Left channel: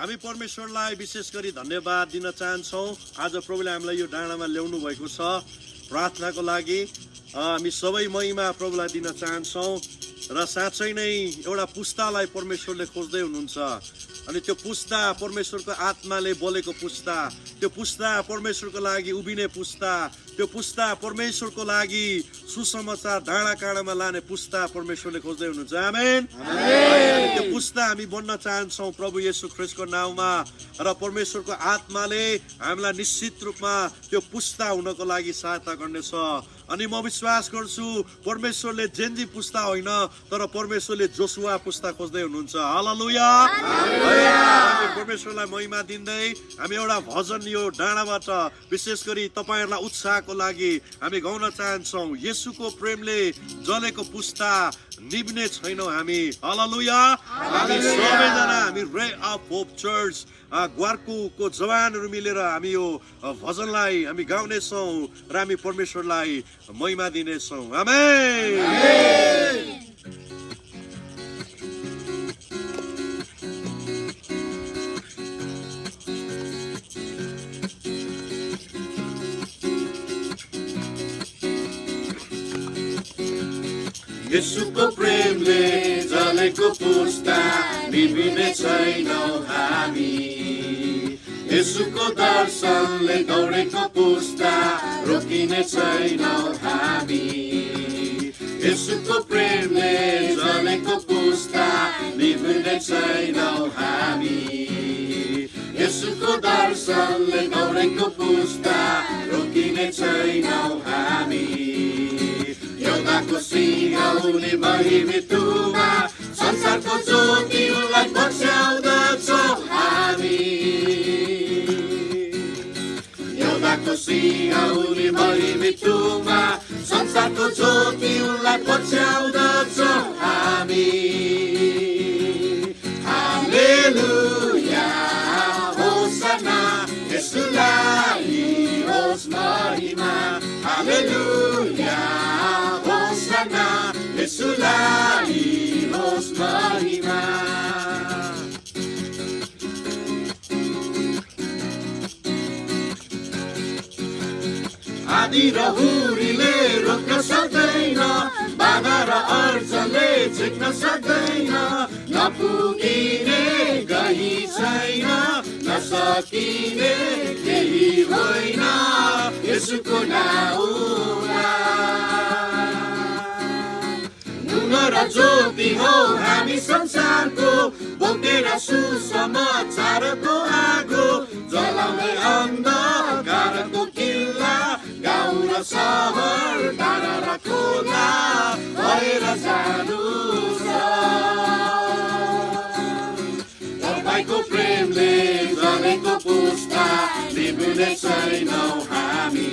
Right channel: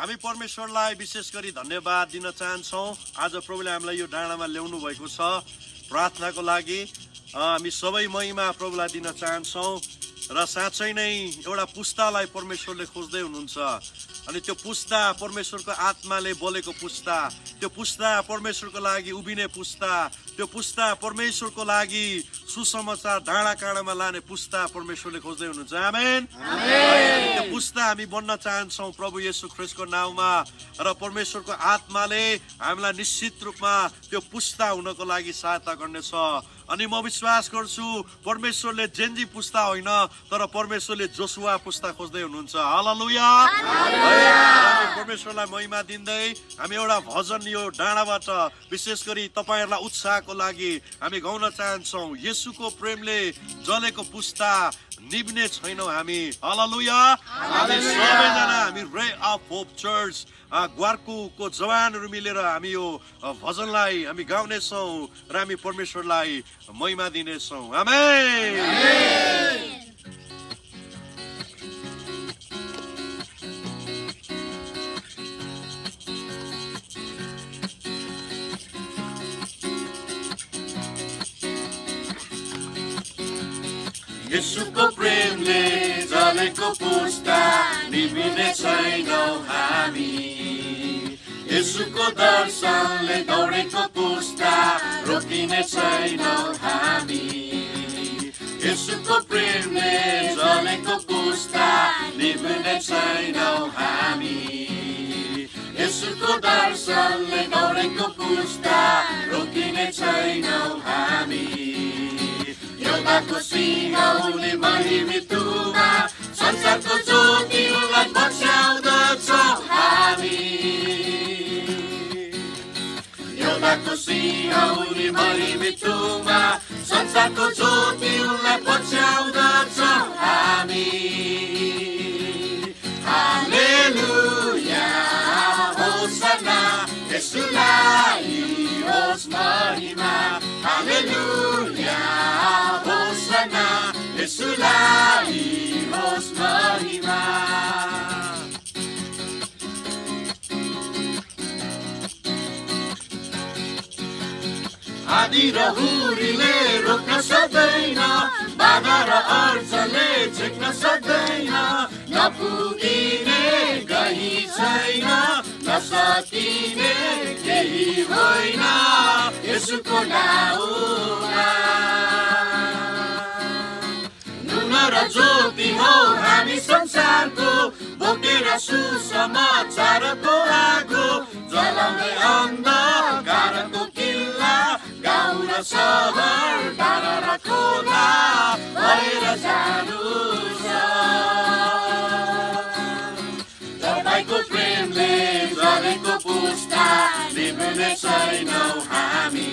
हामी परमेश्वरलाई विशेष गरी धन्यवाद दिन चाहन्छौँ। आज प्रभुले हामीलाई यो डाँडामा ल्याउनु भएको छ प्रार्थनाको लागि। हामी सबै महिमा प्रभुलाई दिन चाहन्छौँ र साँच्चै नै एउटा पुस्तालाई परमेश्वरले खोज्दै हुनुहुन्छ। अनि त्यो पुस्ता परमेश्वरको आत्माले बोलेको पुस्ता, त्यो पुस्ता परमेश्वरको लागि उभिने पुस्ता, त्यो पुस्ता परमेश्वरको लागि सुसमाचार डाँडा काँडामा लाने पुस्ता परमेश्वरले खोज्दै हुनुहुन्छ। आमेन। त्यो पुस्ता हामी बन्न चाहन्छौँ प्रभु येशू ख्रीष्टको नाममा। र परमेश्वरको आत्माले हामीलाई निश्चित रूपमा त्यो पुस्ता हुनको लागि सहायता गर्नेछ। अनि म विश्वास गर्छु परमेश्वरले जेन्जी पुस्ता होइन तर परमेश्वरले जोसुवा पुस्ता खोज्दै हुनुहुन्छ। हालेलुया। हामी परमेश्वरलाई महिमा दिँदै हामी एउटा भजन यो डाँडाबाट विशेष गरी तपाईहरुलाई उत्साहको लागि हामी गाउन चाहन्छौँ। येशूको प्रेमले जलेको पुस्ता निभ्ने छैनौँ हामी। हालेलुया। हामी सबैजना हामी रे अफ होप चर्च ग्वारकुको जवानहरू मिलेर हामी यो भजनलाई हामी गाउनेछौँ र हामी परमेश्वरलाई महिमा दिनेछौँ। आमेन। येशूको प्रेमले जलेको पुस्ता निभिने छैनौँ हामी। येशूको दर्शनले दौडेको पुस्ता रोकिने छैनौँ हामी। येशूको प्रेमले जलेको पुस्ता निभिने छैनौँ हामी। येशूको दर्शनले दौडेको पुस्ता रोकिने छैनौँ हामी। योदाको सिंहौली महिमितुमा संसारको ज्योति उनलाई पछ्याउँदछौँ हामी। योदाको सिंहौली महिमितुमा संसारको ज्योति उनलाई पछ्याउँदछौँ हामी। हालेलुया होसना येशूलाई होस् महिमा। हालेलुया होसना येशूलाई होस् महिमा। आदि र हुरीले रोक्न सक्दैन, बाधा र अर्जनले झिक्न सक्दैन। नपुगिने गही छैन, नसकिने केही होइन येशूको नाउँमा। नुन र ज्योति हो हामी संसारको, बोकेर सुसमाचारको आगो जलाउने अन्धकारको किल्ला। गाउँ र सहर डाँडा र खोला भएर जानु छ। तपाईको प्रेमले जलेको पुस्ता निभ्ने छैनौँ हामी।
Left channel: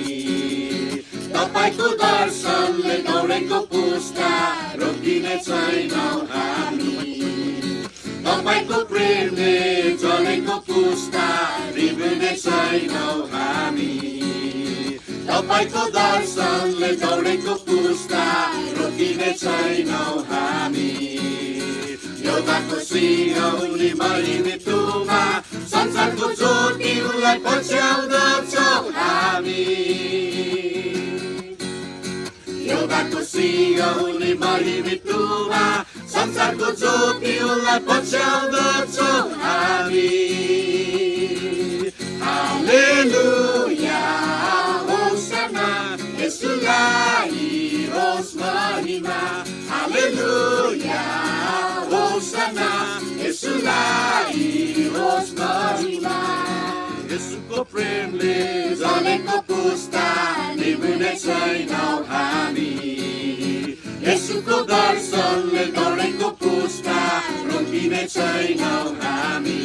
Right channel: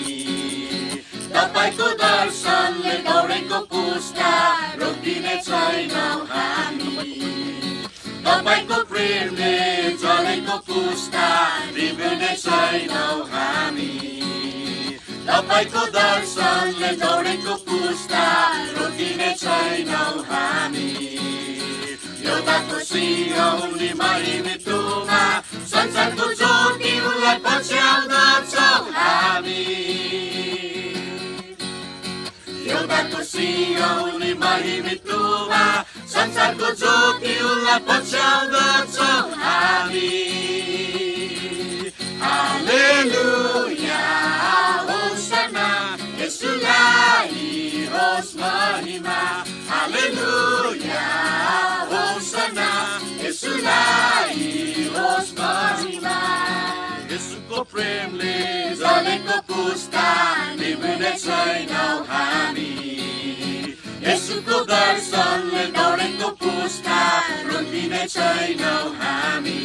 तपाईको दर्शनले दौडेको पुस्ता रोकिने छैनौँ हामी। तपाईको प्रेमले जलेको पुस्ता निभ्ने छैनौँ हामी। तपाईको दर्शनले दौडेको पुस्ता रोकिने छैनौँ हामी। योदाको सिंहौली महिमितुमा संसारको ज्योति उनलाई पछ्याउँदछौँ हामी। योदाको सिंहौली महिमितुमा संसारको ज्योति उनलाई पछ्याउँदछौँ हामी। हालेलुया होसना येशूलाई होस् महिमा। हालेलुया होसना येशूलाई होस् महिमा। येशूको प्रेमले जलेको पुस्ता निभ्ने छैनौँ हामी। येशूको दर्शनले दौडेको पुस्ता रोकिने छैनौँ हामी।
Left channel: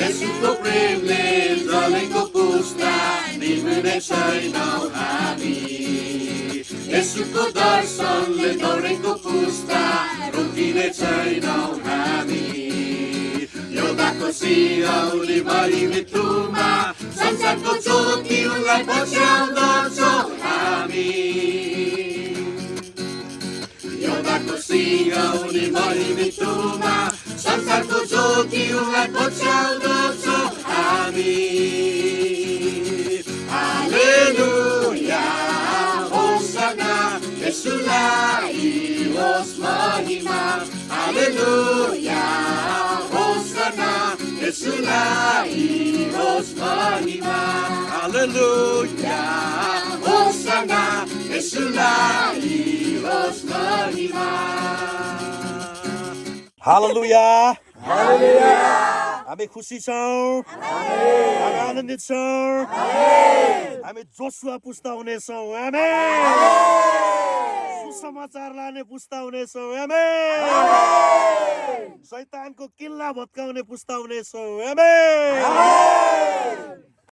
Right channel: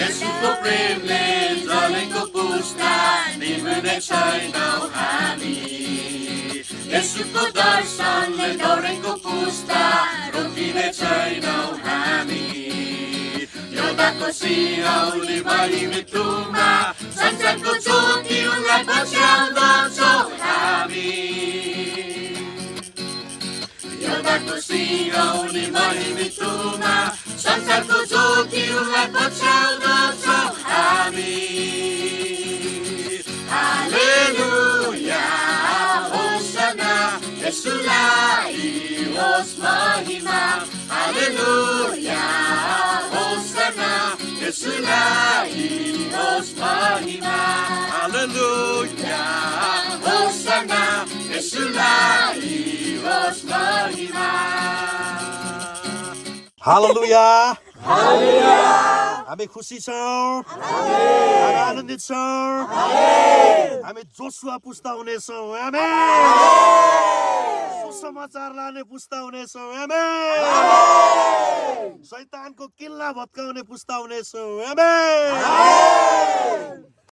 येशूको प्रेमले जलेको पुस्ता निभ्ने छैनौँ हामी। येशूको दर्शनले दौडेको पुस्ता रोकिने छैनौँ हामी। योदाको सिंहौली महिमितुमा संसारको ज्योति उनलाई पछ्याउँदछौँ हामी। योदाको आशाको सिंहौनी महिमी तुमा संसारको ज्योतिलाई पछ्याउँदछौँ हामी हालेलुया होसना यसुलाई होस् महिमा हालेलुया होसना यसुलाई होस् महिमा हालेलुया होसना यसुलाई होस् महिमा हालेलुया हामी खुसी छौँ हामी आनन्दित छौँ हामी जोसुवा पुस्ता हुनेछौँ आमेन सुसमाचार लाने पुस्ता हुनेछौँ आमेन शैतानको किल्ला भत्काउने पुस्ता हुनेछौँ आमेन